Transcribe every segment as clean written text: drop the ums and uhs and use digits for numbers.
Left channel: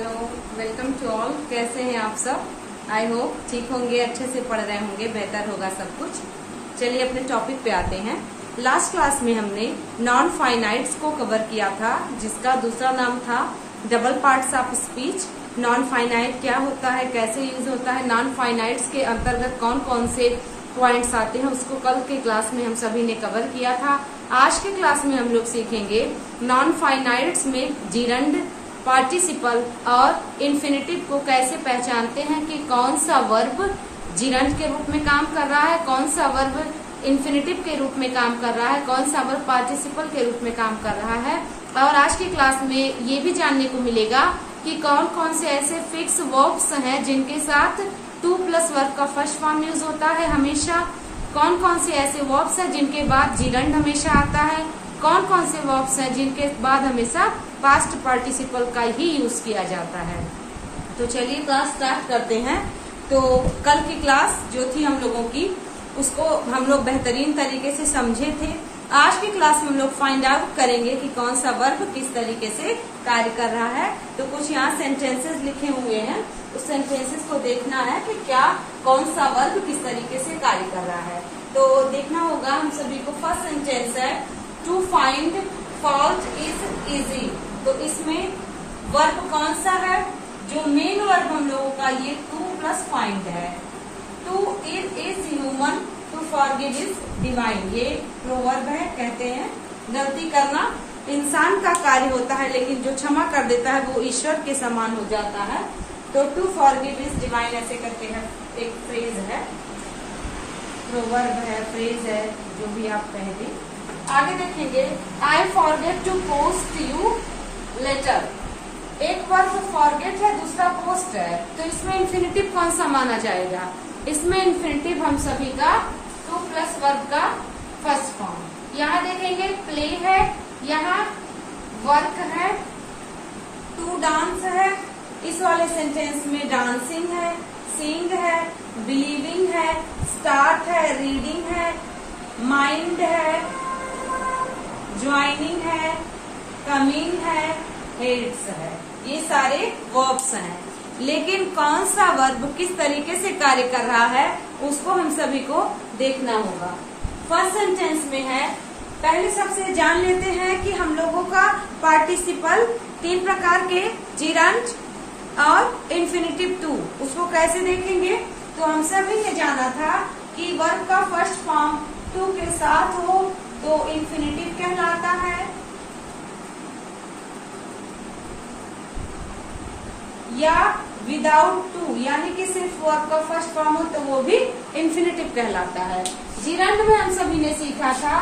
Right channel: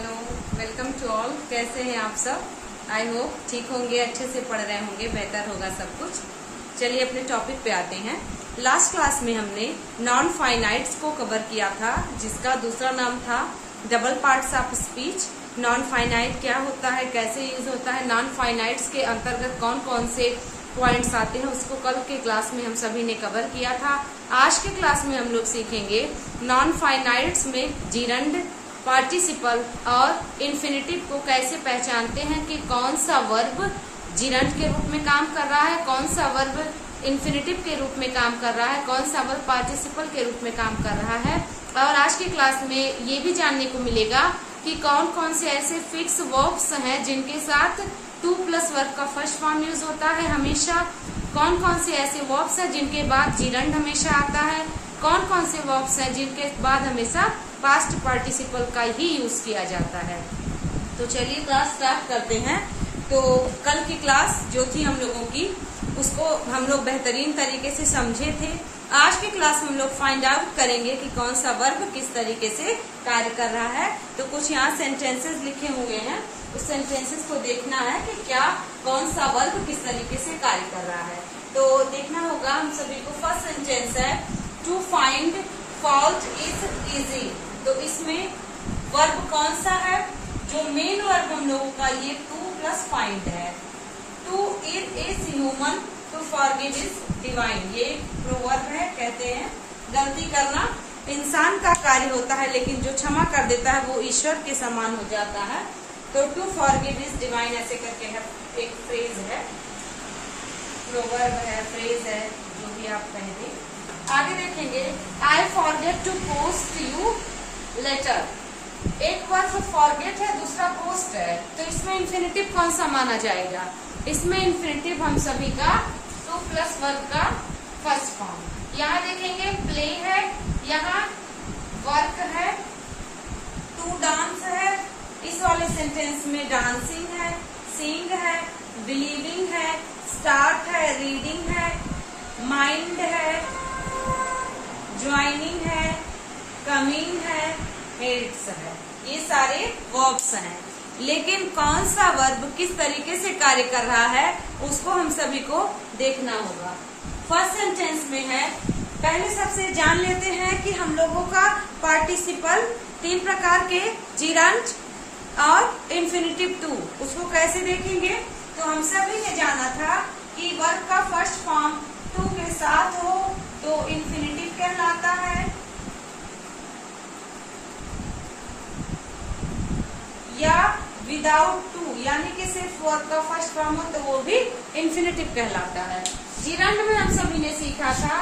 Hello, welcome to all. कैसे हैं आप सब? आई होप ठीक होंगे, अच्छे से पढ़ रहे होंगे, बेहतर होगा सब कुछ। चलिए अपने टॉपिक पे आते हैं। लास्ट क्लास में हमने नॉन फाइनाइट्स को कवर किया था, जिसका दूसरा नाम था double parts of speech. Non finite क्या होता है, कैसे यूज होता है, नॉन फाइनाइट्स के अंतर्गत कौन कौन से पॉइंट्स आते हैं, उसको कल के क्लास में हम सभी ने कवर किया था। आज के क्लास में हम लोग सीखेंगे नॉन फाइनाइट्स में जिरंड, पार्टिसिपल और इन्फिनिटिव को कैसे पहचानते हैं कि कौन सा वर्ब जिरंड के रूप में काम कर रहा है, कौन सा वर्ब इन्फिनिटिव के रूप में काम कर रहा है, कौन सा वर्ब पार्टिसिपल के रूप में काम कर रहा है। और आज की क्लास में ये भी जानने को मिलेगा कि कौन कौन से ऐसे फिक्स वर्ब्स हैं जिनके साथ टू प्लस वर्ब का फर्स्ट फॉर्म यूज होता है हमेशा, कौन कौन से ऐसे वर्ब्स हैं जिनके बाद जिरंड हमेशा आता है, कौन कौन से वर्ब्स हैं जिनके बाद हमेशा पास्ट पार्टिसिपल का ही यूज किया जाता है। तो चलिए क्लास स्टार्ट करते हैं। तो कल की क्लास जो थी हम लोगों की, उसको हम लोग बेहतरीन तरीके से समझे थे। आज की क्लास में हम लोग फाइंड आउट करेंगे कि कौन सा वर्ब किस तरीके से कार्य कर रहा है। तो कुछ यहाँ सेंटेंसेस लिखे हुए हैं, उस सेंटेंसेस को देखना है कि क्या कौन सा वर्ब किस तरीके से कार्य कर रहा है। तो देखना होगा हम सभी को। फर्स्ट सेंटेंस है to find fault is easy. तो इसमें वर्ब कौन सा है? जो मेन वर्ब हम लोगों का ये टू प्लस फाइंड है। To is human, to forgive is divine. ये प्रोवर्ब है, कहते हैं गलती करना इंसान का कार्य होता है, लेकिन जो क्षमा कर देता है वो ईश्वर के समान हो जाता है। तो टू फॉरगिव इज डिवाइन ऐसे करके है, एक फ्रेज है, प्रोवर्ब है, फ्रेज है, जो भी आप कहेंगे। आगे देखेंगे I forget to post you letter. एक वर्ब फॉरगेट है, दूसरा पोस्ट है, तो इसमें इन्फिनिटिव कौन सा माना जाएगा? इसमें इन्फिनिटिव हम सभी का टू प्लस वर्ब का फर्स्ट फॉर्म। यहाँ देखेंगे प्ले है, यहाँ वर्क है, टू डांस है, इस वाले सेंटेंस में डांसिंग है, सिंग है, बिलीविंग है, स्टार्ट है, रीडिंग है, माइंड है, ज्वाइनिंग है, कमिंग है, हेड्स है। ये सारे वर्ब्स हैं, लेकिन कौन सा वर्ब किस तरीके से कार्य कर रहा है उसको हम सभी को देखना होगा। फर्स्ट सेंटेंस में है, पहले सबसे जान लेते हैं कि हम लोगों का पार्टिसिपल तीन प्रकार के, जिरंड और इन्फिनिटिव टू, उसको कैसे देखेंगे। तो हम सभी ने जाना था कि वर्ब का फर्स्ट फॉर्म टू के साथ हो तो इन्फिनिटिव कहलाता है, या विदाउट टू यानी कि सिर्फ वर्ब का फर्स्ट फॉर्म हो तो वो भी इन्फिनिटिव कहलाता है। जिरंड में हम सभी ने सीखा था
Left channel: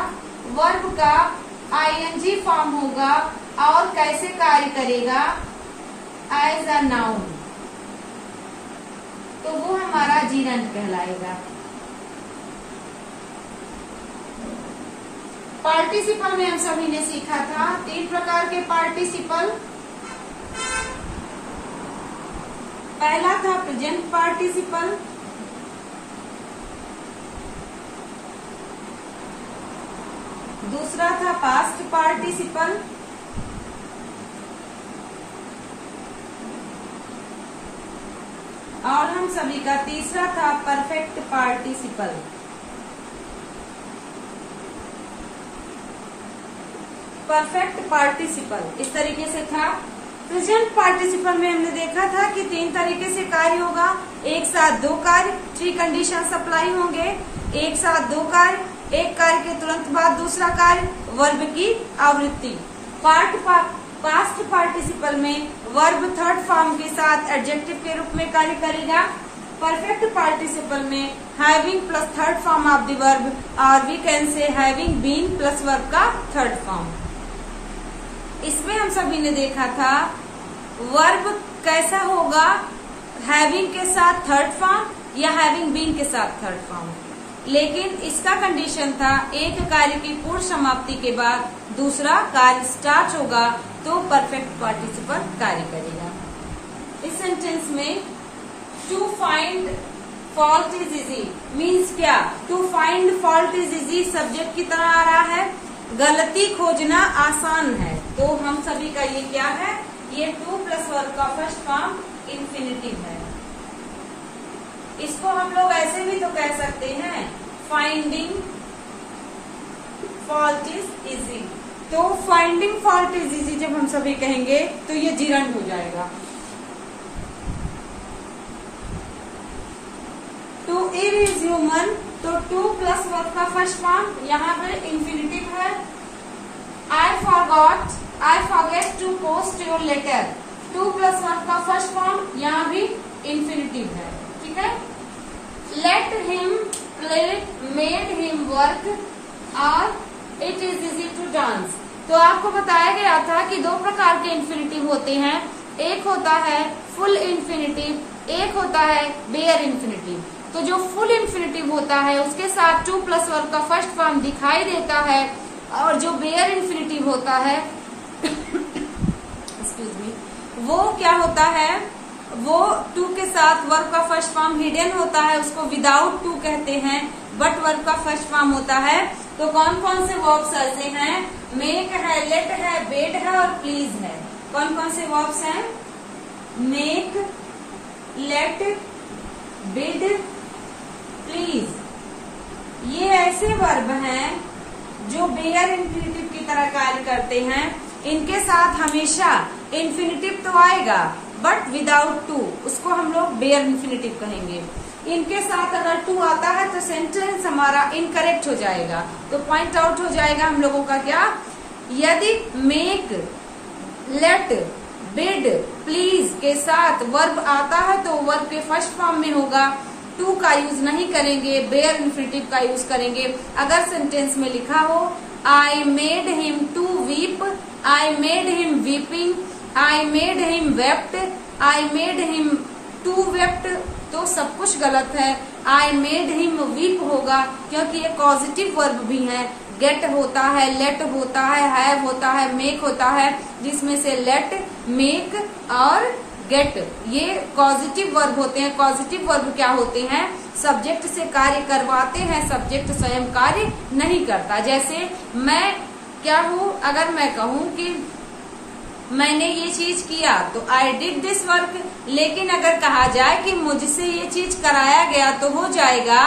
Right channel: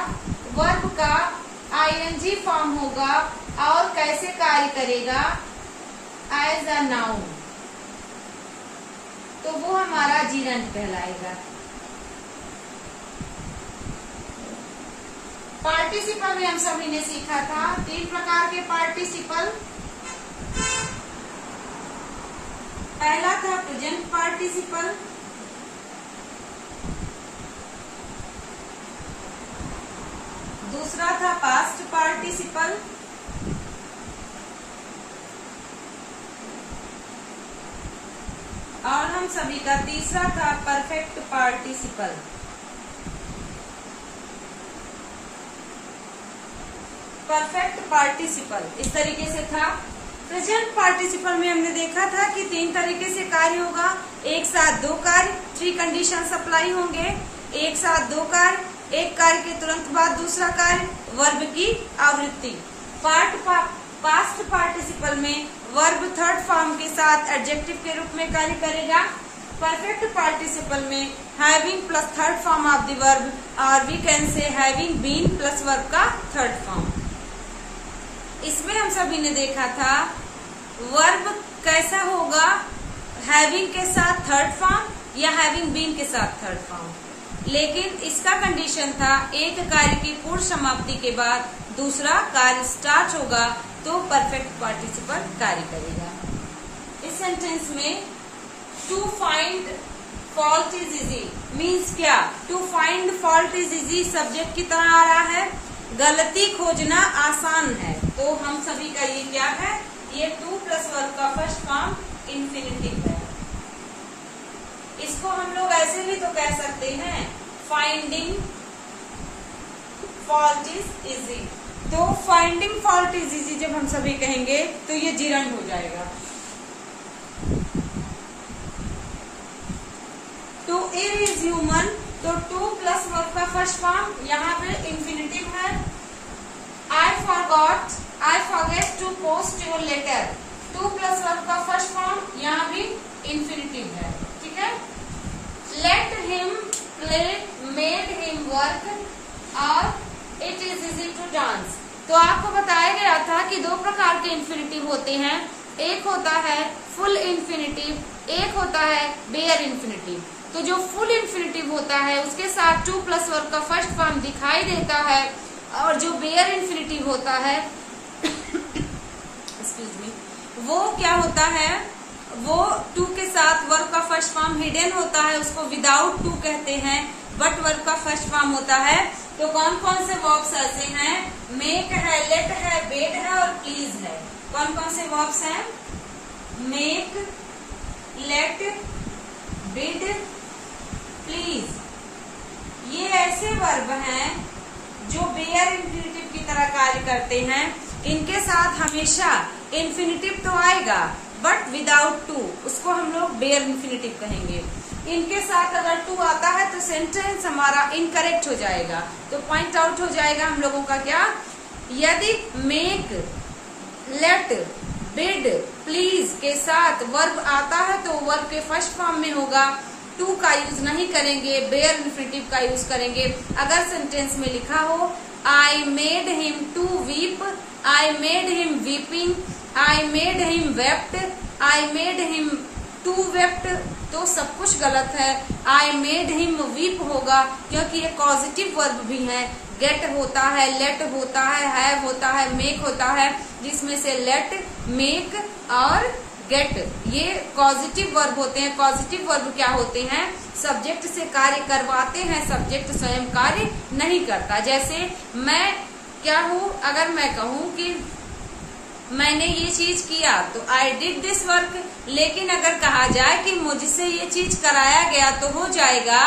वर्ब का आईएनजी फॉर्म होगा और कैसे कार्य करेगा, एज अ नाउन, तो वो हमारा जिरंड कहलाएगा। पार्टिसिपल में हम सभी ने सीखा था तीन प्रकार के पार्टिसिपल। पहला था प्रेजेंट पार्टिसिपल, दूसरा था पास्ट पार्टिसिपल, और हम सभी का तीसरा था परफेक्ट पार्टिसिपल। परफेक्ट पार्टिसिपल इस तरीके से था। प्रेजेंट पार्टिसिपल में हमने देखा था कि तीन तरीके से कार्य होगा, एक साथ दो कार्य, थ्री कंडीशन अप्लाई होंगे, एक साथ दो कार्य, एक कार्य के तुरंत बाद दूसरा कार्य, वर्ब की आवृत्ति। पास्ट पार्टिसिपल में वर्ब थर्ड फॉर्म के साथ एडजेक्टिव के रूप में कार्य करेगा। परफेक्ट पार्टिसिपल में having plus third form of the verb, और we can say having been plus verb का थर्ड फॉर्म। इसमें हम सभी ने देखा था वर्ब कैसा होगा, हैविंग के साथ थर्ड फॉर्म या हैविंग बीन के साथ थर्ड फॉर्म, लेकिन इसका कंडीशन था एक कार्य की पूर्ण समाप्ति के बाद दूसरा कार्य स्टार्ट होगा तो परफेक्ट पार्टिसिपल कार्य करेगा। इस सेंटेंस में to find fault is easy means क्या? To find fault is easy subject की तरह आ रहा है, गलती खोजना आसान है। तो हम सभी का ये क्या है? ये टू प्लस वर्ब का फर्स्ट फॉर्म इंफिनिटिव है। इसको हम लोग ऐसे भी तो कह सकते हैं, फाइंडिंग फॉल्ट इज इजी। तो फाइंडिंग फॉल्ट इज इजी जब हम सभी कहेंगे तो ये जीरंड हो जाएगा। टू इर इज ह्यूमन, तो टू प्लस वर्ब का फर्स्ट फॉर्म यहाँ पे इंफिनिटिव है। I forget to post your letter, to plus verb का फर्स्ट फॉर्म यहाँ भी इंफिनिटिव है। ठीक है। Let him play, made him work, और it is easy to dance. तो आपको बताया गया था कि दो प्रकार के इंफिनिटिव होते हैं, एक होता है फुल इंफिनिटिव, एक होता है बेयर इंफिनिटिव। तो जो फुल इंफिनिटिव होता है उसके साथ टू प्लस वर्ब का फर्स्ट फॉर्म दिखाई देता है, और जो बेयर इंफिनिटिव होता है एक्सक्यूज मी, वो क्या होता है, वो टू के साथ वर्ब का फर्स्ट फॉर्म हिडन होता है, उसको विदाउट टू कहते हैं, बट वर्ब का फर्स्ट फॉर्म होता है। तो कौन कौन से वर्ब्स ऐसे हैं, मेक है, लेट है, बेड है और प्लीज है। कौन कौन से वर्ब्स हैं, मेक, लेट, बिड, प्लीज। ये ऐसे वर्ब हैं जो बेयर इन्फिनिटिव की तरह कार्य करते हैं। इनके साथ हमेशा इन्फिनिटिव तो आएगा बट विदाउट टू, उसको हम लोग बेयर इन्फिनिटिव कहेंगे। इनके साथ अगर टू आता है तो सेंटेंस हमारा इनकरेक्ट हो जाएगा, तो पॉइंट आउट हो जाएगा हम लोगों का क्या, यदि मेक, लेट, बिड, प्लीज के साथ वर्ब आता है तो वर्ब के फर्स्ट फॉर्म में होगा, टू का यूज नहीं करेंगे, बेयर इन्फिनिटिव का यूज करेंगे। अगर सेंटेंस में लिखा हो I made him to weep, I made him weeping, I made him wept, I made him to wept, तो सब कुछ गलत है। आई मेड हिम वीप होगा क्योंकि ये पॉजिटिव वर्ब भी है। गेट होता है, लेट होता है, हैव होता है, मेक होता है, जिसमें से लेट, मेक और गेट ये पॉजिटिव वर्ब होते हैं। पॉजिटिव वर्ब क्या होते हैं, सब्जेक्ट से कार्य करवाते हैं, सब्जेक्ट स्वयं कार्य नहीं करता। जैसे मैं क्या हूँ, अगर मैं कहूँ कि मैंने ये चीज किया तो आई डिड दिस वर्क, लेकिन अगर कहा जाए कि मुझसे ये चीज कराया गया तो हो जाएगा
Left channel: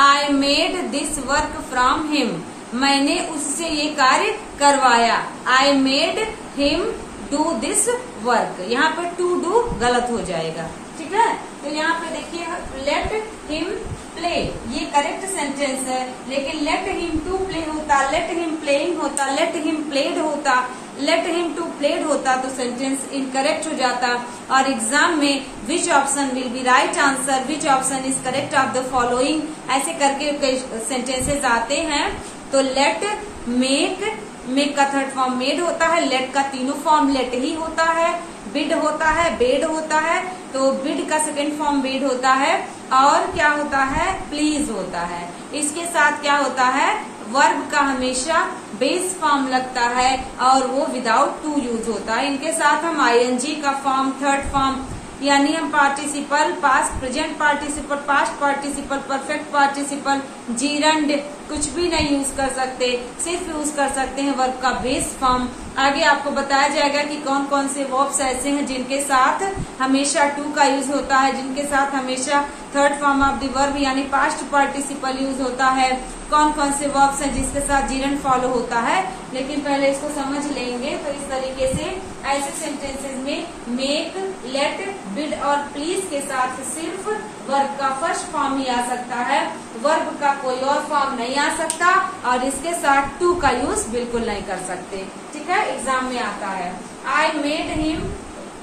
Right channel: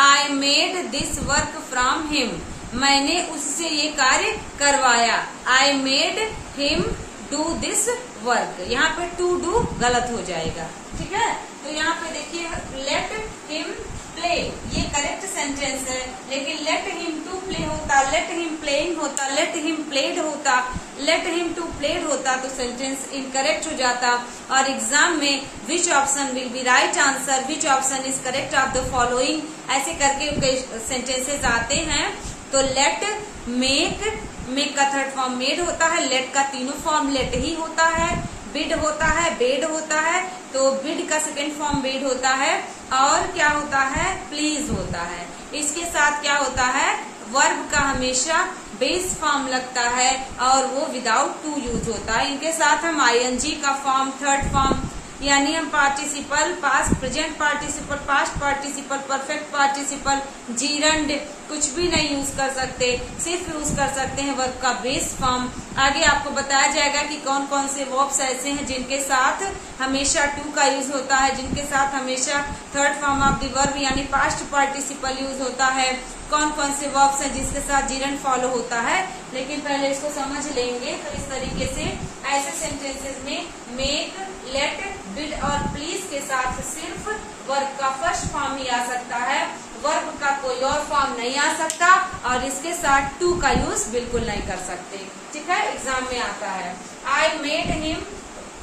I made this work from him, मैंने उससे ये कार्य करवाया। आई made him do this work, यहाँ पे टू डू गलत हो जाएगा। ठीक है। तो यहाँ पे देखिए लेट हिम प्ले, ये करेक्ट सेंटेंस है, लेकिन लेट हिम टू प्ले होता, लेट हिम प्लेइंग होता, लेट हिम प्लेड होता, लेट हिम टू प्लेड होता तो सेंटेंस इनकरेक्ट हो जाता। और एग्जाम में which option will be right answer, which option is correct of the following, ऐसे करके कई सेंटेंसेस आते हैं। तो लेट, मेक, मेक का थर्ड फॉर्म मेड होता है, लेट का तीनों फॉर्म लेट ही होता है, बिड होता है, बेड होता है, तो बिड का सेकेंड फॉर्म बेड होता है, और क्या होता है, प्लीज होता है। इसके साथ क्या होता है, वर्ब का हमेशा बेस फॉर्म लगता है और वो विदाउट टू यूज होता है। इनके साथ हम आईएनजी का फॉर्म, थर्ड फॉर्म, यानी हम participle, past, present participle, past participle, perfect participle, gerund कुछ भी नहीं यूज कर सकते, सिर्फ यूज कर सकते हैं वर्ब का बेस फॉर्म। आगे आपको बताया जाएगा कि कौन कौन से वर्ब्स ऐसे हैं जिनके साथ हमेशा टू का यूज होता है, जिनके साथ हमेशा third form of the verb यानी पास्ट पार्टिसिपल यूज होता है, कौन कौन से वर्ब्स हैं जिसके साथ जीरंड फॉलो होता है। लेकिन पहले इसको समझ लेंगे। तो इस तरीके से ऐसे सेंटेंसेस में मेक, लेट, बिड और प्लीज के साथ सिर्फ वर्ब का फर्स्ट फॉर्म ही आ सकता है, वर्ब का कोई और फॉर्म नहीं आ सकता, और इसके साथ टू का यूज बिल्कुल नहीं कर सकते। ठीक है, एग्जाम में आता है। आई मेड हिम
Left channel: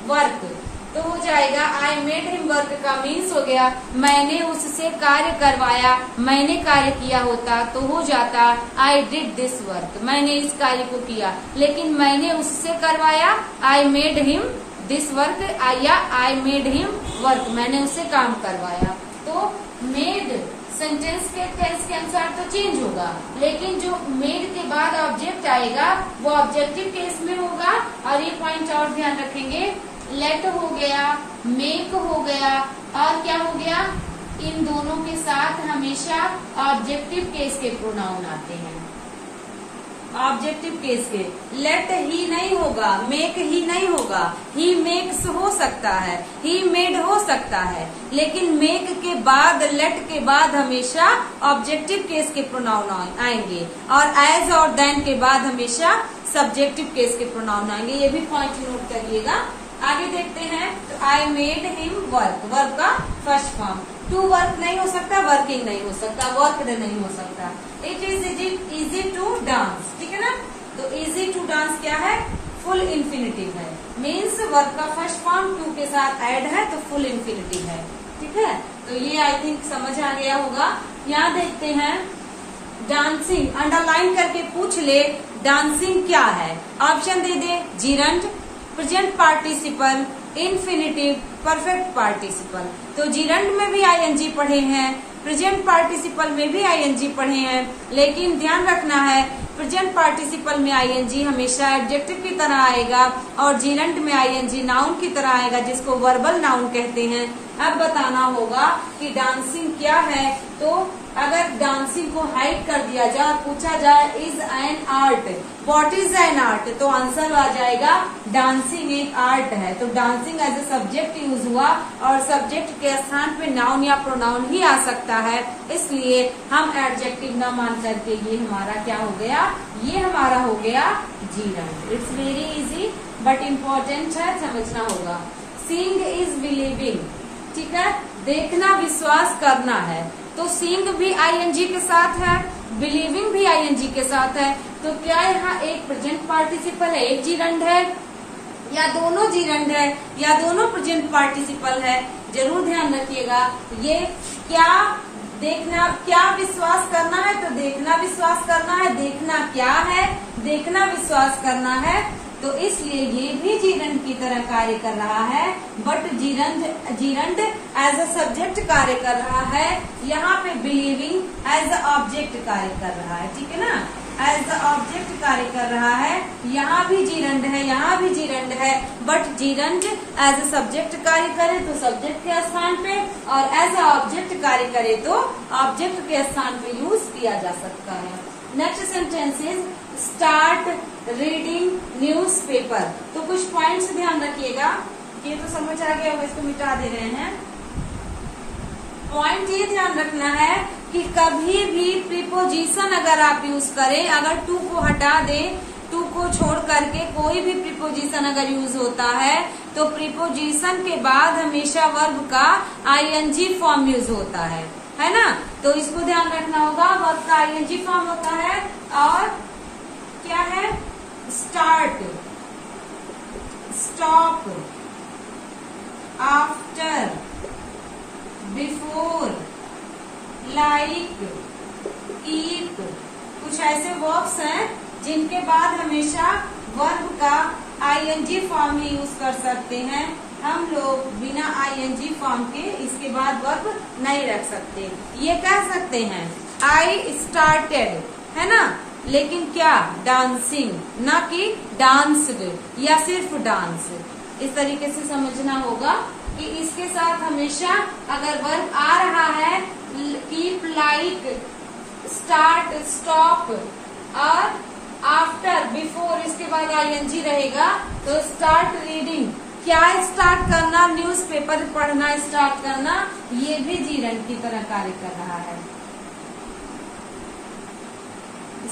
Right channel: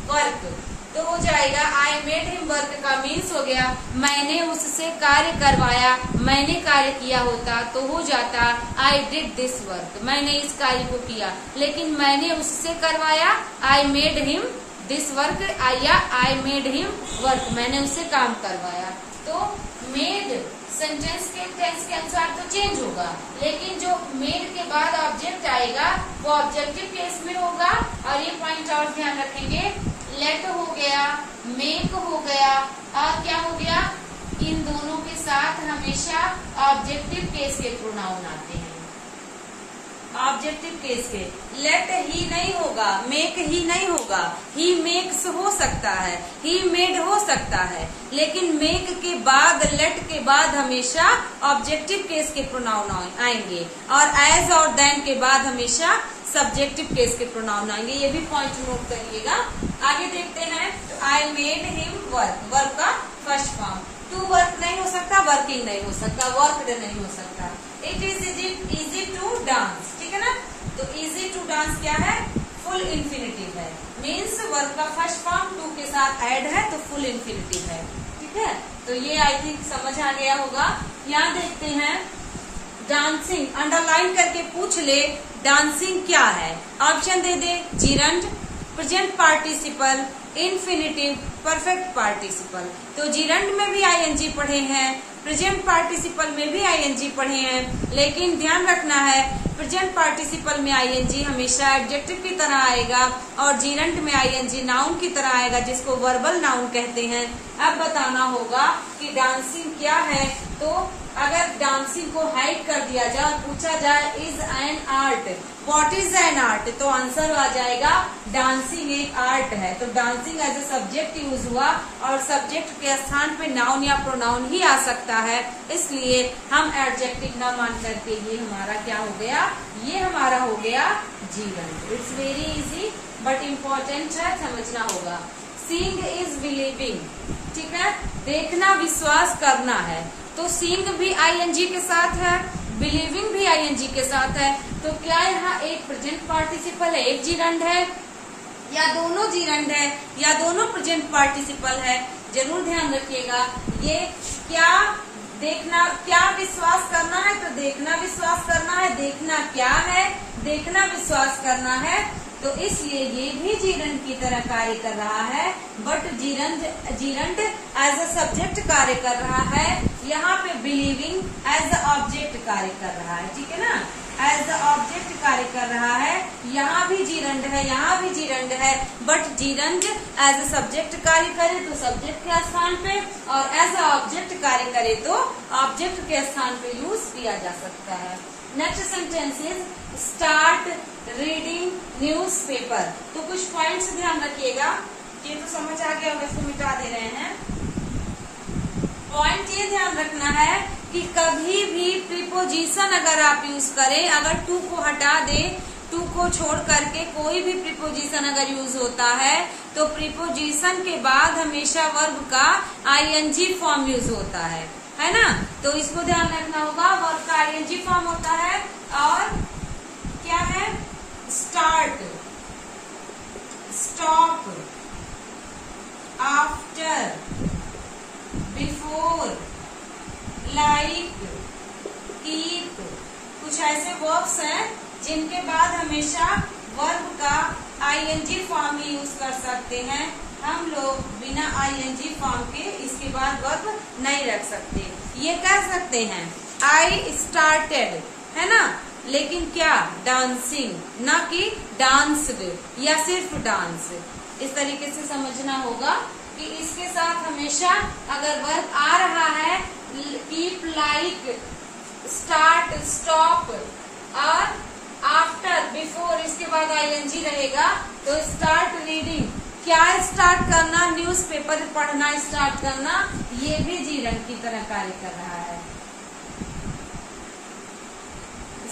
वर्क, तो हो जाएगा आई मेड हिम वर्क का मीन्स हो गया मैंने उससे कार्य करवाया, मैंने कार्य किया होता तो हो जाता आई डिड दिस वर्क, मैंने इस कार्य को किया, लेकिन मैंने उससे करवाया आई मेड हिम दिस वर्क, या आई मेड हिम वर्क, मैंने उससे काम करवाया। तो मेड सेंटेंस के टेंस के अनुसार तो चेंज होगा, लेकिन जो मेड के बाद ऑब्जेक्ट आएगा वो ऑब्जेक्टिव केस में होगा। और ये पॉइंट और ध्यान रखेंगे, लेट हो गया, मेक हो गया, और क्या हो गया, इन दोनों के साथ हमेशा ऑब्जेक्टिव केस के प्रोनाउन आते हैं। ऑब्जेक्टिव केस के। लेट ही नहीं होगा, मेक ही नहीं होगा, ही मेक्स हो सकता है, ही मेड हो सकता है, लेकिन मेक के बाद, लेट के बाद हमेशा ऑब्जेक्टिव केस के प्रोनाउन आएंगे, और एज और देन के बाद हमेशा सब्जेक्टिव केस के प्रोनाउन आएंगे। ये भी पॉइंट नोट करिएगा। आगे देखते हैं, आई मेड हिम वर्क, वर्क का फर्स्ट फॉर्म। टू वर्क नहीं हो सकता, वर्किंग नहीं हो सकता, वर्कड नहीं हो सकता। It is easy to dance, ठीक है ना। तो इजी टू डांस क्या है, फुल इन्फिनिटिव है, मीन्स वर्क का फर्स्ट फॉर्म टू के साथ ऐड है तो फुल इन्फिनिटिव है, ठीक है। तो ये आई थिंक समझ आ गया होगा। यहाँ देखते हैं डांसिंग, अंडरलाइन करके पूछ ले डांसिंग क्या है। ऑप्शन दे दे, gerund, present participle, infinitive, perfect participle. तो जीरंड में भी आईएनजी पढ़े हैं, प्रेजेंट पार्टिसिपल में भी आईएनजी पढ़े हैं, लेकिन ध्यान रखना है प्रेजेंट पार्टिसिपल में आईएनजी हमेशा एडजेक्टिव की तरह आएगा, और जीरंड में आईएनजी नाउन की तरह आएगा, जिसको वर्बल नाउन कहते हैं। अब बताना होगा कि डांसिंग क्या है। तो अगर डांसिंग को हाइड कर दिया जाए और पूछा जाए is an art, what is an art, तो आंसर आ जाएगा डांसिंग एक आर्ट है। तो dancing as a subject use हुआ, और सब्जेक्ट के स्थान पे नाउन या प्रोनाउन ही आ सकता है, इसलिए हम एडजेक्टिव न मान करके ये हमारा क्या हो गया, ये हमारा हो गया gerund. It's very easy but important है, समझना होगा। सीइंग इज बिलीविंग, ठीक है, देखना विश्वास करना है। तो सीइंग भी आईएनजी के साथ है, बिलीविंग भी आईएनजी के साथ है। तो क्या यहाँ एक प्रेजेंट पार्टिसिपल है, एक जीरंड है, या दोनों जीरंड है, या दोनों प्रेजेंट पार्टिसिपल है? जरूर ध्यान रखिएगा। ये क्या देखना, क्या विश्वास करना है, तो देखना विश्वास करना है। देखना क्या है, देखना विश्वास करना है, तो इसलिए ये भी जीरंड की तरह कार्य कर रहा है, but gerund as a subject कार्य कर रहा है। यहाँ पे बिलीविंग एज अ ऑब्जेक्ट कार्य कर रहा है, ठीक है ना, एज अ ऑब्जेक्ट कार्य कर रहा है। यहाँ भी जीरंड है, यहाँ भी जीरंड है, but gerund as a subject कार्य करे तो सब्जेक्ट के स्थान पे, और एज अ ऑब्जेक्ट कार्य करे तो ऑब्जेक्ट के स्थान पे यूज किया जा सकता है। Next sentence is start reading newspaper. तो कुछ पॉइंट्स ध्यान रखिएगा, ये तो समझ आ गया, इसको मिटा दे रहे हैं। पॉइंट ये ध्यान रखना है कि कभी भी प्रीपोजिशन अगर आप यूज करें, अगर टू को हटा दें, टू को छोड़ करके कोई भी प्रीपोजिशन अगर यूज होता है, तो प्रीपोजिशन के बाद हमेशा वर्ब का आईएनजी फॉर्म यूज होता है ना। तो इसको ध्यान रखना होगा, वर्ब का आईएनजी फॉर्म होता है, और क्या है, start, stop, after, before, like, keep. कुछ ऐसे वर्ब्स हैं जिनके बाद हमेशा वर्ब का आईएनजी फॉर्म ही यूज कर सकते हैं। हम लोग बिना आईएनजी फॉर्म के इसके बाद वर्ब नहीं रख सकते। ये कह सकते हैं आई स्टार्टेड, है ना, लेकिन क्या, डांसिंग, ना कि डांस्ड या सिर्फ डांस। इस तरीके से समझना होगा कि इसके साथ हमेशा अगर वर्ब आ रहा है, कीप, लाइक, स्टार्ट, स्टॉप और आफ्टर, बिफोर, इसके बाद आईएनजी रहेगा, तो स्टार्ट रीडिंग, क्या स्टार्ट करना, न्यूज़पेपर पढ़ना स्टार्ट करना, ये भी जीरंड की तरह कार्य कर रहा है।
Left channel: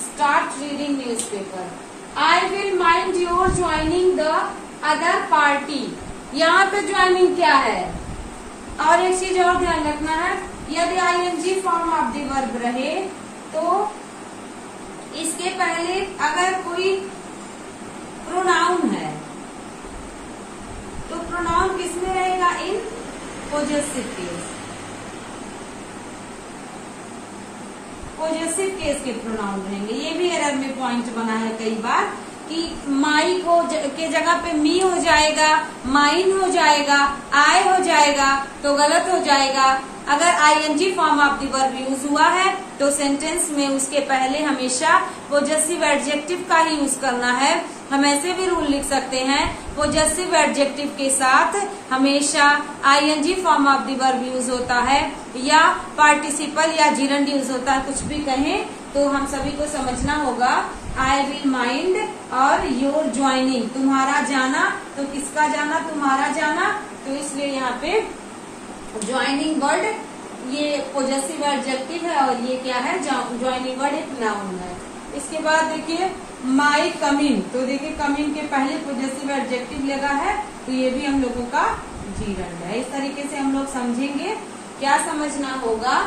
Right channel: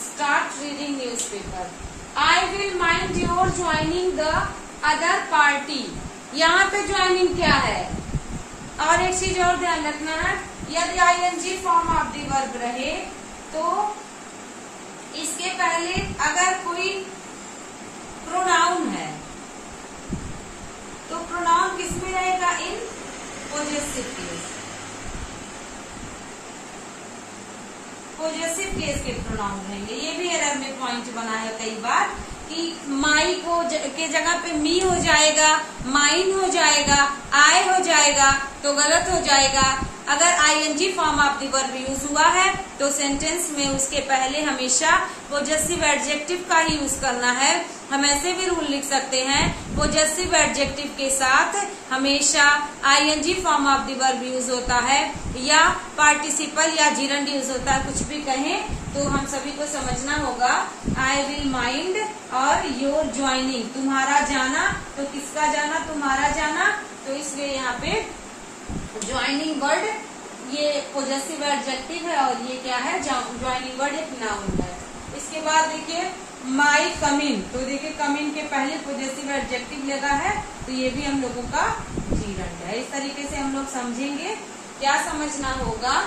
Start reading newspaper. I will mind your joining the other party. यहाँ पे ज्वाइनिंग क्या है, और एक चीज और ध्यान रखना है, यदि ING form of the verb रहे तो इसके पहले अगर कोई प्रोनाउन है तो प्रोनाउन किसमें रहेगा, इन पोजेसिव केस। पॉजिटिव केस के प्रोनाउन रहेंगे। ये भी एरर में पॉइंट बना है कई बार कि माई को के जगह पे मी हो जाएगा, माइन हो जाएगा, आई हो जाएगा, तो गलत हो जाएगा। अगर ING form of the verb use हुआ है तो सेंटेंस में उसके पहले हमेशा पॉजिटिव एडजेक्टिव का ही यूज करना है। हम ऐसे भी रूल लिख सकते हैं, पॉजिटिव एडजेक्टिव के साथ हमेशा ING form of the verb use होता है या पार्टिसिपल या जिरंड यूज होता है। कुछ भी कहें तो हम सभी को समझना होगा आई विल माइंड और योर ज्वाइनिंग, तुम्हारा जाना, तो किसका जाना, तुम्हारा जाना, तो इसलिए यहाँ पे ज्वाइनिंग वर्ड ये पोजेसिव एडजेक्टिव है और ये क्या है, ज्वाइनिंग वर्ड एक नाउन है। इसके बाद देखिए माई कमिंग, तो देखिए कमिंग के पहले पोजेसिव एडजेक्टिव लगा है, तो ये भी हम लोगों का जीरंड है। इस तरीके से हम लोग समझेंगे। क्या समझना होगा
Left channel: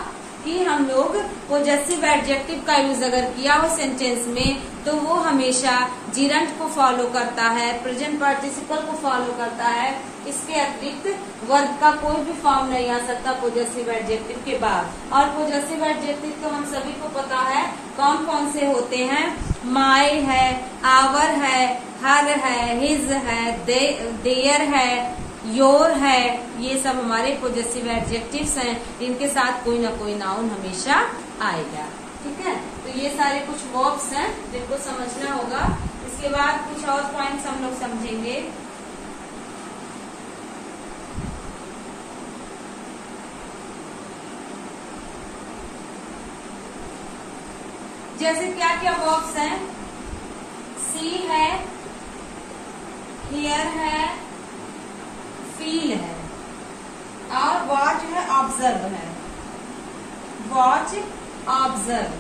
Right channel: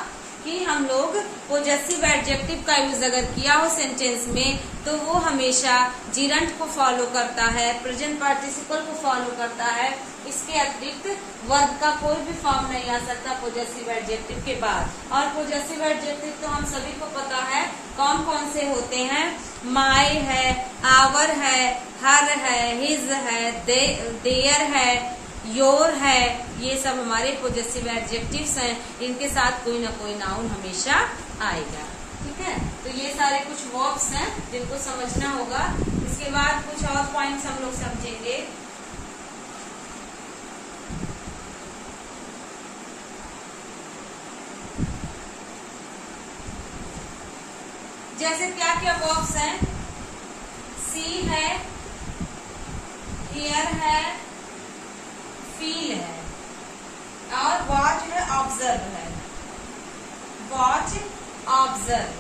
कि हम लोग पोजेसिव एडजेक्टिव का यूज अगर किया हो सेंटेंस में तो वो हमेशा जीरंड को फॉलो करता है, प्रेजेंट पार्टिसिपल को फॉलो करता है। इसके अतिरिक्त वर्ब का कोई भी फॉर्म नहीं आ सकता पोजेसिव एडजेक्टिव के बाद। और पोजेसिव एडजेक्टिव तो हम सभी को पता है कौन कौन से होते हैं, माई है, आवर है, हर है, हिज है, देयर है, योर है, ये सब हमारे पोजेसिव एडजेक्टिव्स हैं। इनके साथ कोई ना कोई नाउन हमेशा आएगा। ठीक है, तो ये सारे कुछ वर्ब्स हैं जिनको समझना होगा। इसके बाद कुछ और पॉइंट्स हम लोग समझेंगे। जैसे क्या क्या वर्ब्स हैं, सी है, हियर है, फील है और वॉच है, ऑब्जर्व है। वॉच, ऑब्जर्व,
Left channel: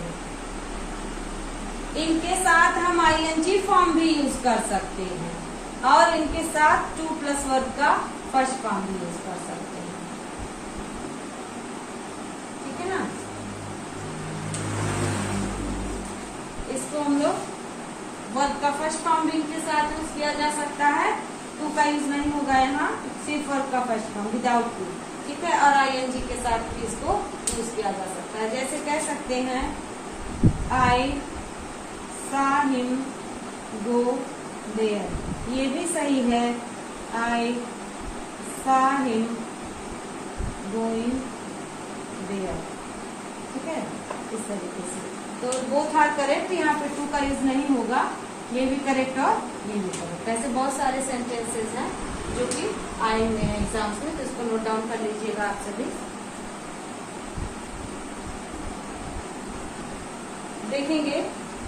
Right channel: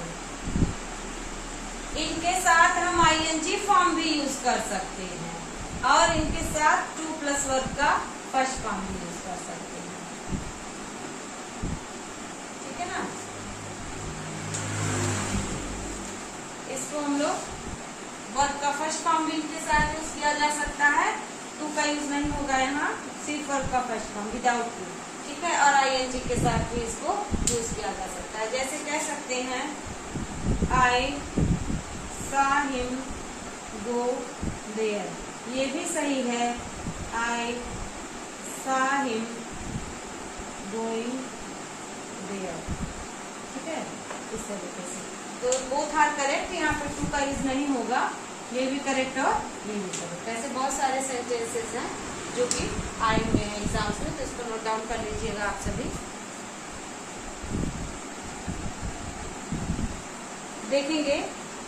इनके साथ हम आईएनजी फॉर्म भी यूज कर सकते हैं और इनके साथ 2+ वर्ब का फर्स्ट फॉर्म भी यूज कर सकते हैं। ठीक है ना, इसको हम लोग वर्ब का फर्स्ट फॉर्म भी इनके साथ यूज किया जा सकता है। टू का यूज नहीं होगा यहाँ, सिर्फ वर्ब का फर्स्ट फॉर्म विदाउट टू। ठीक है, और आईएनजी के साथ भी इसको यूज किया जा सकता है। जैसे कह सकते हैं आई सा हिम गो देयर, ये भी सही है, आई सा हिम गोइंग देयर। ठीक है, इस तरीके से तो बोथ आर करेक्ट, यहाँ पे टू का यूज नहीं होगा, ये भी करेक्ट और ये भी करेक्ट। ऐसे बहुत सारे सेंटेंसेस हैं जो कि आएंगे एग्जाम्स में, तो इसको नोट डाउन कर लीजिएगा आप सभी। देखेंगे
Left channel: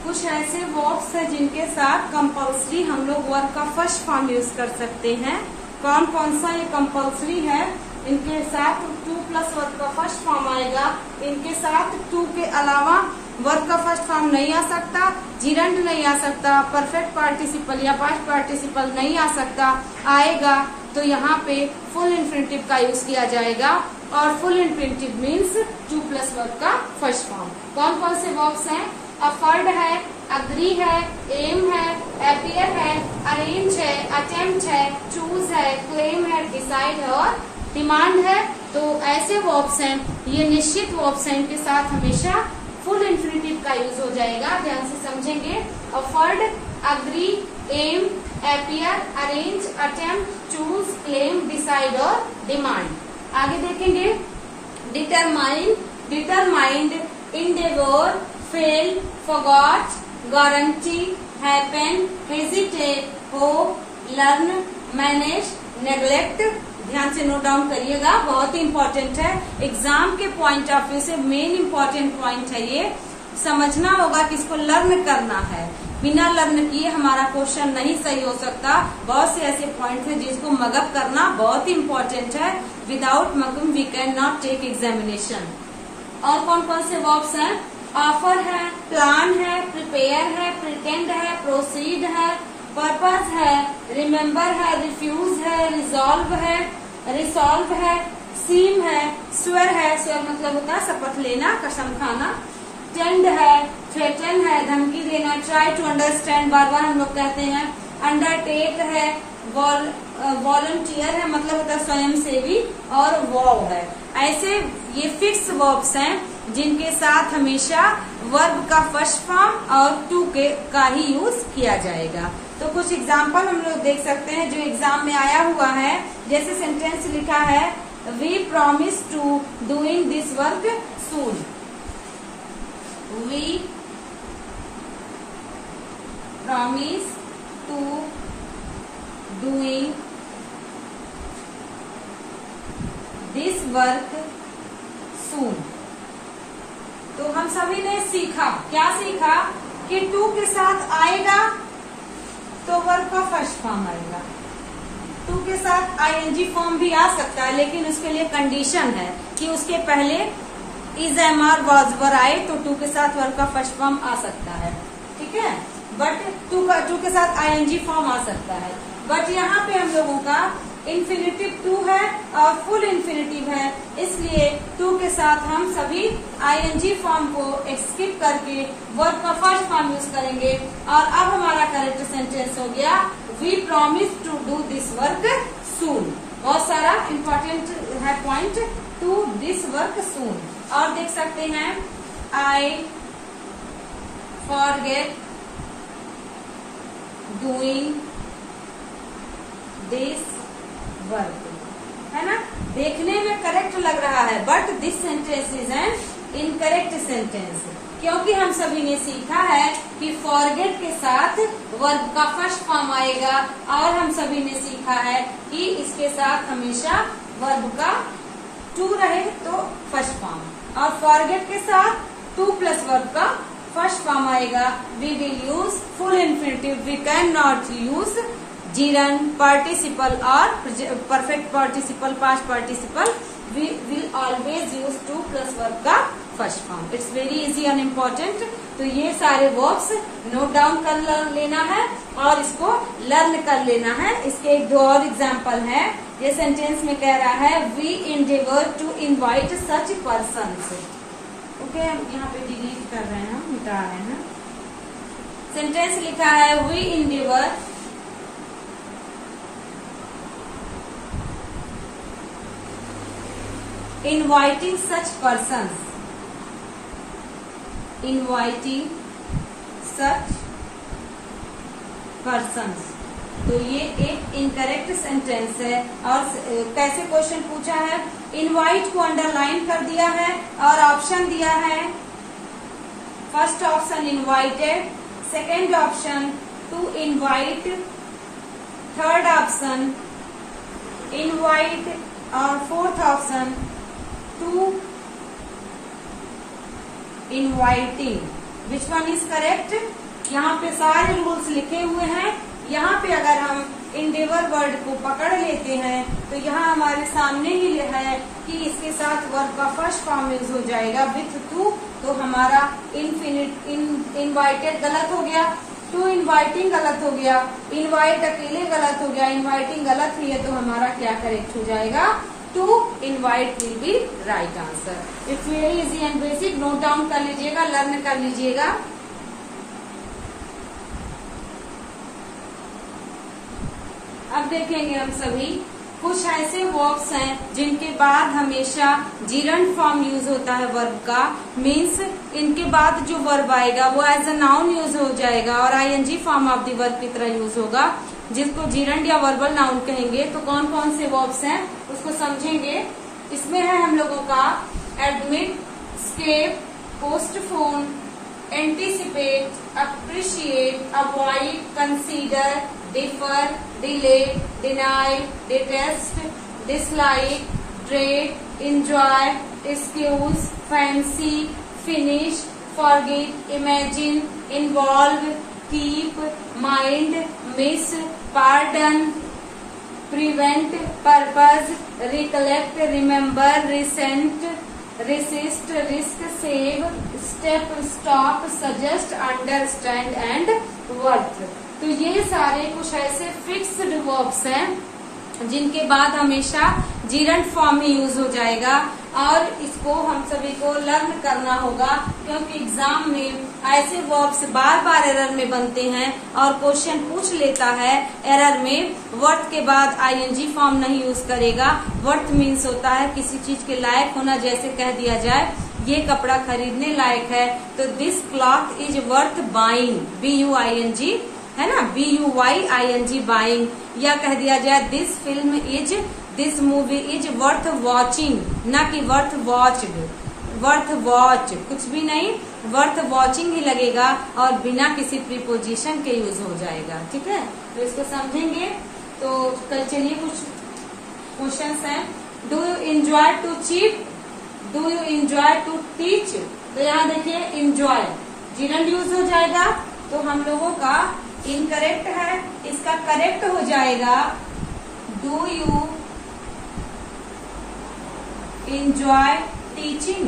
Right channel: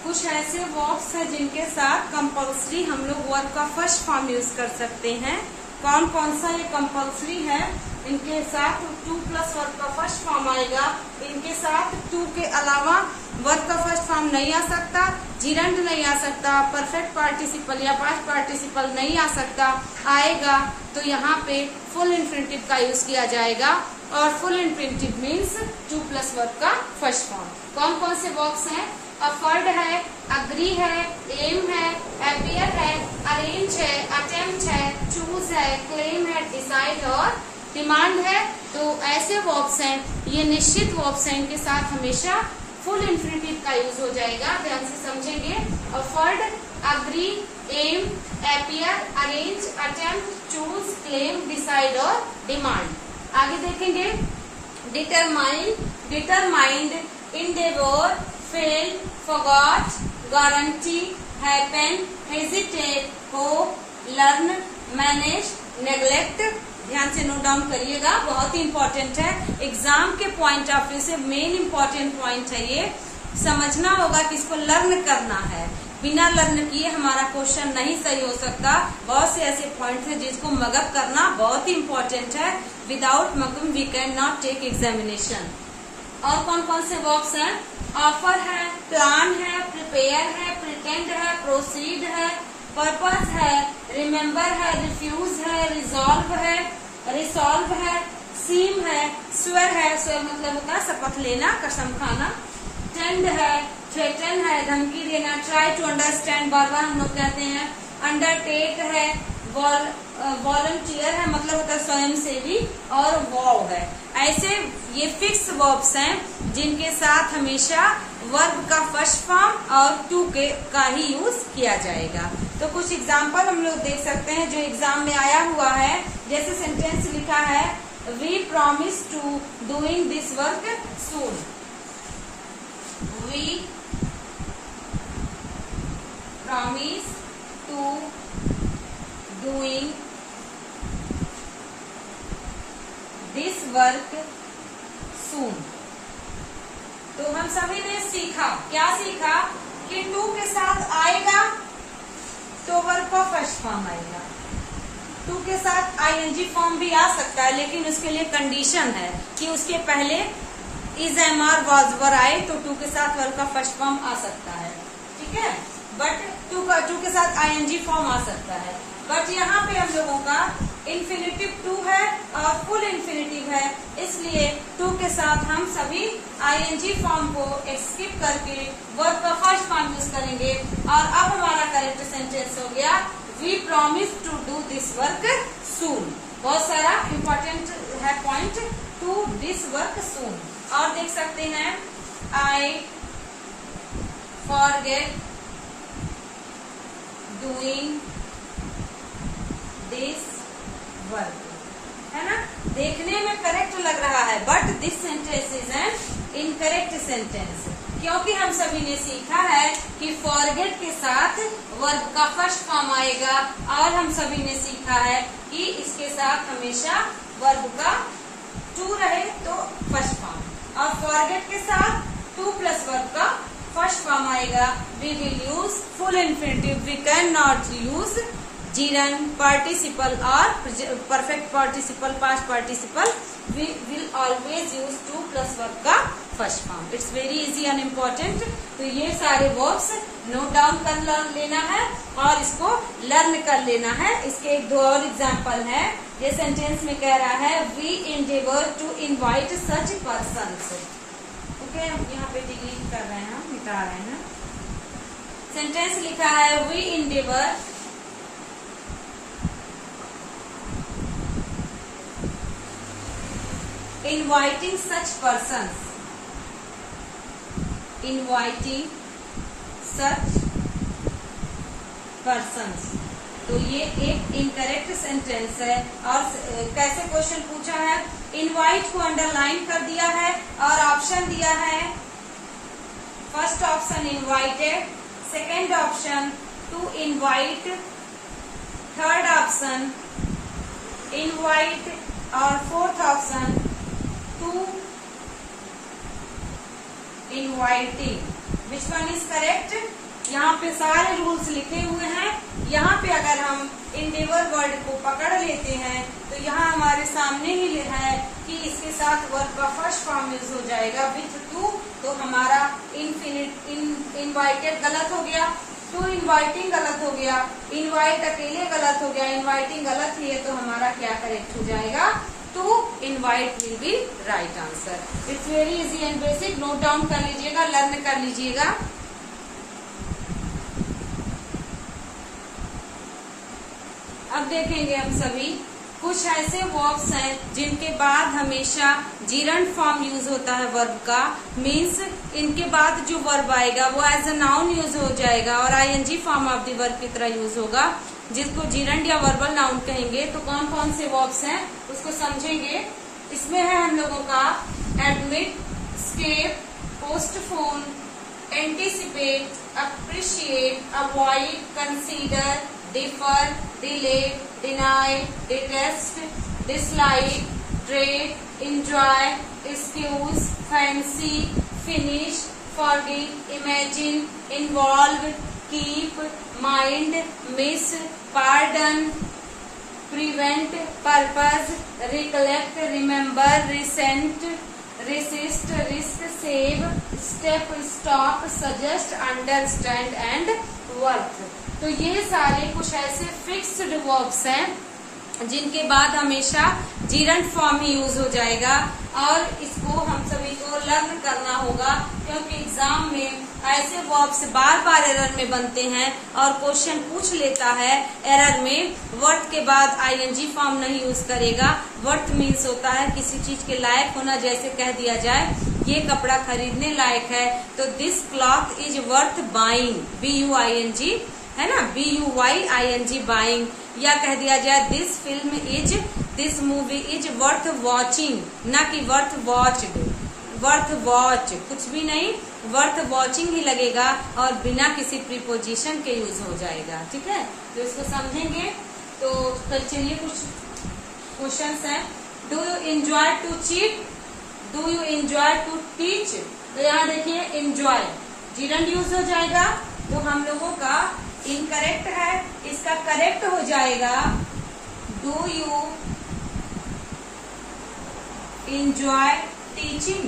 कुछ ऐसे वर्ब्स हैं जिनके साथ कंपल्सरी हम लोग वर्ब का फर्स्ट फॉर्म यूज कर सकते हैं। कौन कौन सा ये कंपल्सरी है, इनके साथ 2+ वर्ब का फर्स्ट फॉर्म आएगा। इनके साथ 2 के अलावा वर्ब का फर्स्ट फॉर्म नहीं आ सकता, जीरंड नहीं आ सकता, परफेक्ट पार्टिसिपल या पास्ट पार्टिसिपल नहीं आ सकता। आएगा तो यहाँ पे फुल इन्फिनिटिव का यूज किया जाएगा और फुल इन्फिनिटिव मीन्स 2+ वर्ब का फर्स्ट फॉर्म। कौन कौन से वर्ब्स हैं, अफर्ड है, अग्री है, एम है, अपीयर है, अरेंज है, अटेम्प्ट है, चूज है, क्लेम है, डिसाइड है और डिमांड है। तो ऐसे वर्ब्स हैं, ये निश्चित वर्ब्स हैं, इनके साथ हमेशा फुल इन्फिनिटिव का यूज हो जाएगा। ध्यान से समझेंगे, afford, agree, aim, appear, arrange, attempt, choose, claim, decide और डिमांड। आगे देखेंगे determine, determined, endeavour, fail, forgot, guarantee, happen, hesitate, hope, learn, manage, neglect. ध्यान से नोट डाउन करिएगा, बहुत ही इम्पोर्टेंट है। एग्जाम के पॉइंट ऑफ व्यू से मेन इम्पोर्टेंट पॉइंट है ये। समझना होगा कि इसको लर्न करना है, बिना लर्न किए हमारा क्वेश्चन नहीं सही हो सकता। बहुत से ऐसे पॉइंट है जिसको मगअप करना बहुत ही इम्पोर्टेंट है। Without mug up we can not take examination. और कौन कौन से वर्ब्स हैं, ऑफर है, प्लान है, प्रिपेयर है, प्रिटेंड है, प्रोसीड है, पर्पस है, रिमेम्बर है, रिफ्यूज है, रिजॉल्व है, रिसॉल्व है, सीम है, स्वेर है, स्वेर मतलब होता है शपथ लेना, कसम खाना, टेंड है, थ्रेटन है, धमकी देना, ट्राई टू अंडरस्टैंड बार बार हम लोग कहते हैं, अंडरटेक है, वॉलंटियर है मतलब होता है स्वयं सेवी, और वॉव है। ऐसे ये फिक्स वर्ब्स हैं जिनके साथ हमेशा वर्ब का फर्स्ट फॉर्म और टू का ही यूज किया जाएगा। तो कुछ एग्जाम्पल हम लोग देख सकते हैं जो एग्जाम में आया हुआ है। जैसे सेंटेंस लिखा है, we promise to doing this work soon. We promise to doing this work soon. तो हम सभी ने सीखा, क्या सीखा, कि टू के साथ आएगा तो वर्ब का फर्स्ट फॉर्म आएगा। टू के साथ आईएनजी फॉर्म भी आ सकता है, लेकिन उसके लिए कंडीशन है कि उसके पहले इज, एम, आर, वाज, वर आए तो टू के साथ वर्ब का फर्स्ट फॉर्म आ सकता है, ठीक है। बट टू के साथ आईएनजी फॉर्म आ सकता है। बट यहाँ पे हम लोगों का इन्फिनिटिव टू है और फुल इन्फिनिटिव है, इसलिए टू के साथ हम सभी आईएनजी फॉर्म को स्किप करके वर्ब का फर्स्ट फॉर्म यूज करेंगे। और अब हमारा करेक्ट सेंटेंस हो गया we promise to do this work soon. बहुत सारा इम्पोर्टेंट है point, to this work soon. और देख सकते हैं I forget doing this work, है ना। देखने में करेक्ट लग रहा है, but this sentence is an incorrect sentence, क्योंकि हम सभी ने सीखा है कि फॉरगेट के साथ वर्ब का फर्स्ट फॉर्म आएगा, और हम सभी ने सीखा है कि इसके साथ हमेशा वर्ब का टू रहे तो फर्स्ट फॉर्म, और फॉरगेट के साथ टू प्लस वर्ब का फर्स्ट फॉर्म आएगा। We will use full infinitive, we can not use gerund, participle और perfect participle, past participle. We will always use two plus verb का first form. It's very easy and important. तो ये सारे verbs note down कर लेना है और इसको लर्न कर लेना है। इसके एक दो और एग्जाम्पल है। ये सेंटेंस में कह रहा है we endeavor to invite such persons. Okay, हम यहाँ पे डिलीट कर रहे हैं, मिटा रहे हैं। सेंटेंस लिखा है we endeavor inviting such persons, inviting such persons। तो ये एक इनकरेक्ट सेंटेंस है। और कैसे क्वेश्चन पूछा है, इनवाइट को अंडरलाइन कर दिया है और ऑप्शन दिया है। First option invited, second option to invite, third option invite और fourth option to inviting. Which one is correct? यहाँ पे सारे रूल्स लिखे हुए हैं। यहाँ पे अगर हम इंडेवर वर्ड को पकड़ लेते हैं तो यहाँ हमारे सामने ही है कि इसके साथ वर्ब का फर्स्ट फॉर्म यूज हो जाएगा विथ टू, तो हमारा इनवाइटेड गलत हो गया, टू इनवाइटिंग गलत हो गया, इनवाइट अकेले गलत हो गया, इनवाइटिंग गलत ही है, तो हमारा क्या करेक्ट हो जाएगा? To invite will be right answer. It's very easy and basic, note down कर लीजिएगा, लर्न कर लीजिएगा। अब देखेंगे हम सभी कुछ ऐसे वर्ब्स हैं जिनके बाद हमेशा जीरंड फॉर्म यूज होता है वर्ब का। मीन्स इनके बाद जो वर्ब आएगा वो एज अ नाउन यूज हो जाएगा और ING form of the verb की तरह यूज होगा, जिसको जीरंड या वर्बल नाउन कहेंगे। तो कौन कौन से वर्ब्स हैं उसको समझेंगे। इसमें है हम लोगों का admit, escape, postpone, anticipate, appreciate, avoid, consider, defer, delay, deny, detest, dislike, dread, enjoy, excuse, fancy, finish, forget, imagine, involve, keep, mind, miss, pardon, prevent, purpose, recollect, remember, resent, resist, risk, save, step, stop, suggest, understand and worth. तो ये सारे कुछ ऐसे fixed verbs हैं जिनके बाद हमेशा gerund form ही use हो जाएगा और इसको हम सभी को लर्न करना होगा, क्योंकि एग्जाम में ऐसे वर्ब्स बार बार एरर में बनते हैं और क्वेश्चन पूछ लेता है एरर में वर्थ के बाद आईएनजी फॉर्म नहीं यूज करेगा। वर्थ मीन्स होता है किसी चीज के लायक होना, जैसे कह दिया जाए ये कपड़ा खरीदने लायक है तो this cloth is worth buying, BUING है ना, BUYING बाइंग। या कह दिया जाए this film is, this movie is worth watching, ना कि वर्थ वॉच्ड। वर्थ वॉच कुछ भी नहीं, वर्थ वॉचिंग ही लगेगा और बिना किसी प्रीपोजिशन के यूज हो जाएगा। ठीक है, तो इसको समझेंगे। तो कल चलिए कुछ क्वेश्चंस हैं। Do you enjoy to cheat, do you enjoy to teach? तो यहाँ देखिए एंजॉय, जिरंड यूज हो जाएगा तो हम लोगों का इनकरेक्ट है, इसका करेक्ट हो जाएगा do you enjoy teaching.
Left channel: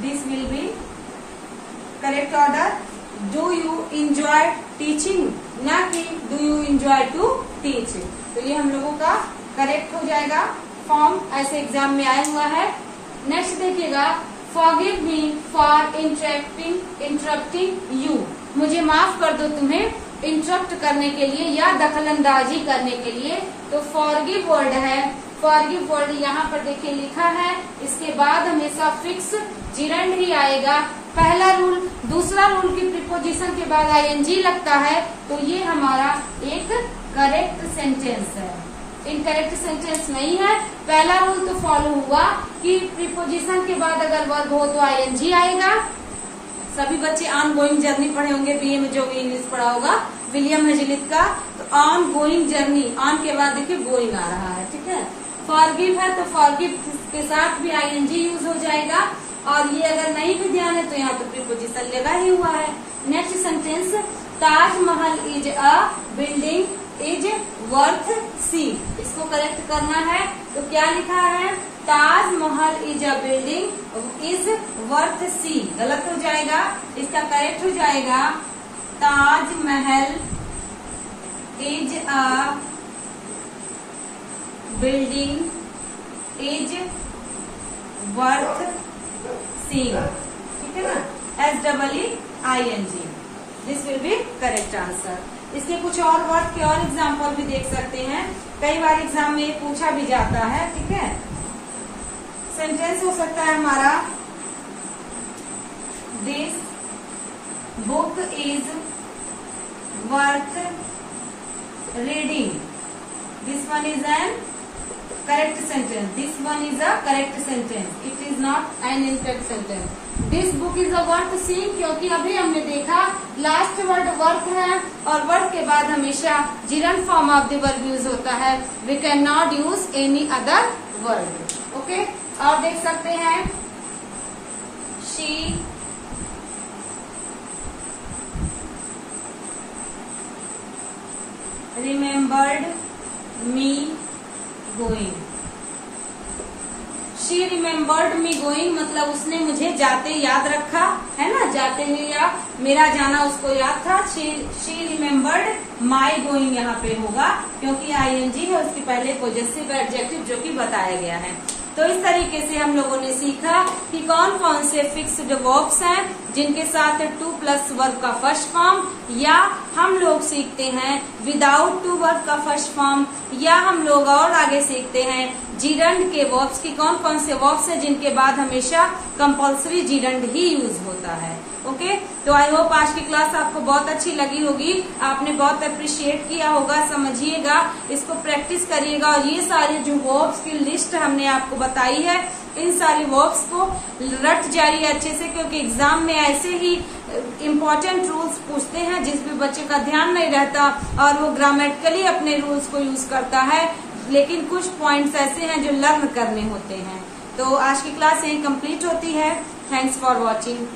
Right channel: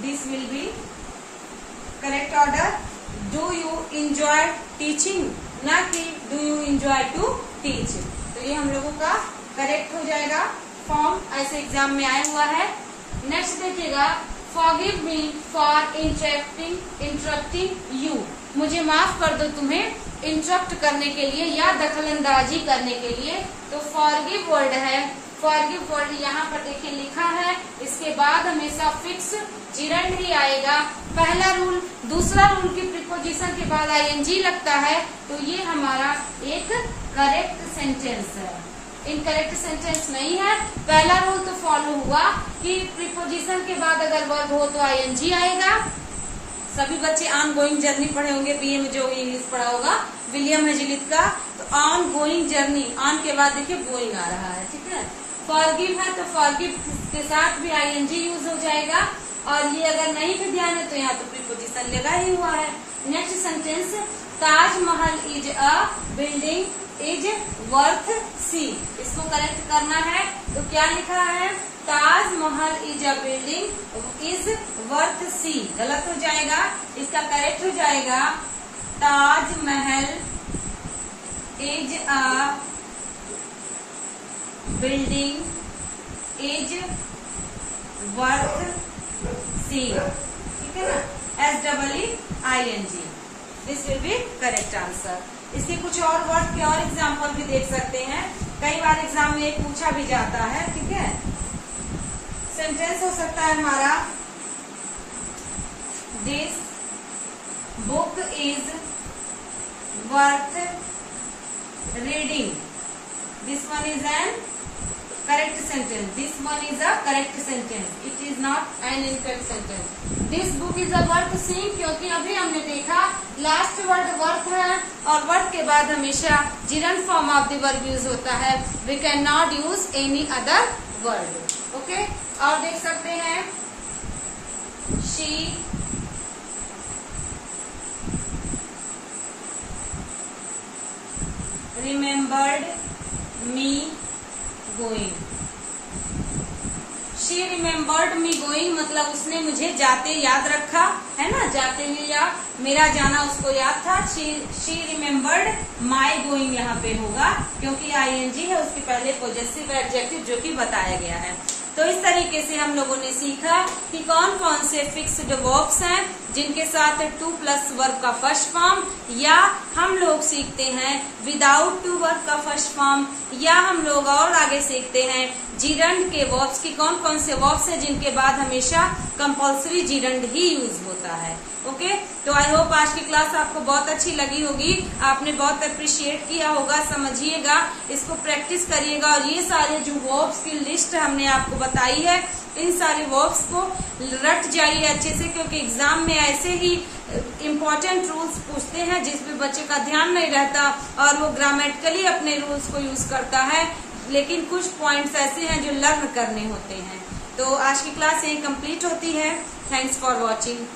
This will be correct order. Do you enjoy teaching? ना कि do you enjoy to teach. तो ये हम लोगों का करेक्ट हो जाएगा। फॉर्म ऐसे एग्जाम में आया हुआ है। नेक्स्ट देखिएगा, forgive me for interrupting you. मुझे माफ कर दो तुम्हें इंटरप्ट करने के लिए या दखलंदाजी करने के लिए। तो forgive वर्ड है, फॉरगिव वर्ड यहाँ पर देखिए लिखा है, इसके बाद हमेशा फिक्स जिरंड ही आएगा। पहला रूल, दूसरा रूल की प्रीपोजिशन के बाद आईएनजी लगता है तो ये हमारा एक करेक्ट सेंटेंस है। इनकरेक्ट सेंटेंस नहीं है। पहला रूल तो फॉलो हुआ कि प्रीपोजिशन के बाद अगर वर्ब हो तो आईएनजी आएगा। सभी बच्चे ऑन गोइंग जर्नी पढ़े होंगे, बीए में जो इंग्लिश पढ़ा होगा विलियम हेजलित का। तो ऑन गोइंग जर्नी, ऑन के बाद देखिए गोइंग आ रहा है, ठीक है। फॉरगिव है तो फॉरगिव के साथ भी आईएनजी यूज हो जाएगा। और ये अगर नहीं भी ध्यान है तो यहाँ तो प्रीपोजिशन लगा ही हुआ है। Next sentence, Taj Mahal is a building is worth see. इसको करेक्ट करना है तो क्या लिखा है, Taj Mahal is a building is worth see. गलत हो जाएगा, इसका करेक्ट हो जाएगा Taj Mahal is a building is worth see, ठीक है ना, SEEING। This will be correct answer. इसके कुछ और वर्ड के और एग्जाम्पल भी देख सकते हैं, कई बार एग्जाम में ये पूछा भी जाता है, ठीक है। सेंटेंस हो सकता है हमारा, this book is worth reading. This one is an correct sentence. This one is a correct sentence. It is not an incorrect sentence. This book is a worth seeing, क्योंकि अभी हमने देखा लास्ट वर्ड वर्थ है और word के बाद हमेशा gerund form of the verb use होता है। We cannot use any other word. Okay? और देख सकते हैं, she remembered me going. She remembered me going मतलब उसने मुझे जाते याद रखा, है ना, जाते हुए या मेरा जाना उसको याद था। she remembered my going यहाँ पे होगा क्योंकि ING है, उसके पहले पॉजेसिव एडजेक्टिव जो कि बताया गया है। तो इस तरीके से हम लोगों ने सीखा कि कौन कौन से फिक्स्ड वर्ब्स हैं जिनके साथ टू प्लस वर्ब का फर्स्ट फॉर्म, या हम लोग सीखते हैं विदाउट टू वर्ब का फर्स्ट फॉर्म, या हम लोग और आगे सीखते हैं जिरंड के वर्ब्स की कौन कौन से वर्ब्स हैं जिनके बाद हमेशा कंपल्सरी जिरंड ही यूज होता है। ओके, तो आई होप आज की क्लास आपको बहुत अच्छी लगी होगी, आपने बहुत अप्रिशिएट किया होगा, समझिएगा, इसको प्रैक्टिस करिएगा। और ये सारे जो वर्ब्स की लिस्ट हमने आपको बताई है, इन सारे वर्ब्स को रट जाइए अच्छे से, क्योंकि एग्जाम में ऐसे ही इम्पोर्टेंट रूल्स पूछते हैं जिसमें बच्चे का ध्यान नहीं रहता और वो ग्रामेटिकली अपने रूल्स को यूज करता है, लेकिन कुछ पॉइंट्स ऐसे हैं जो लर्न करने होते हैं। तो आज की क्लास यहीं कंप्लीट होती है। Thanks for watching.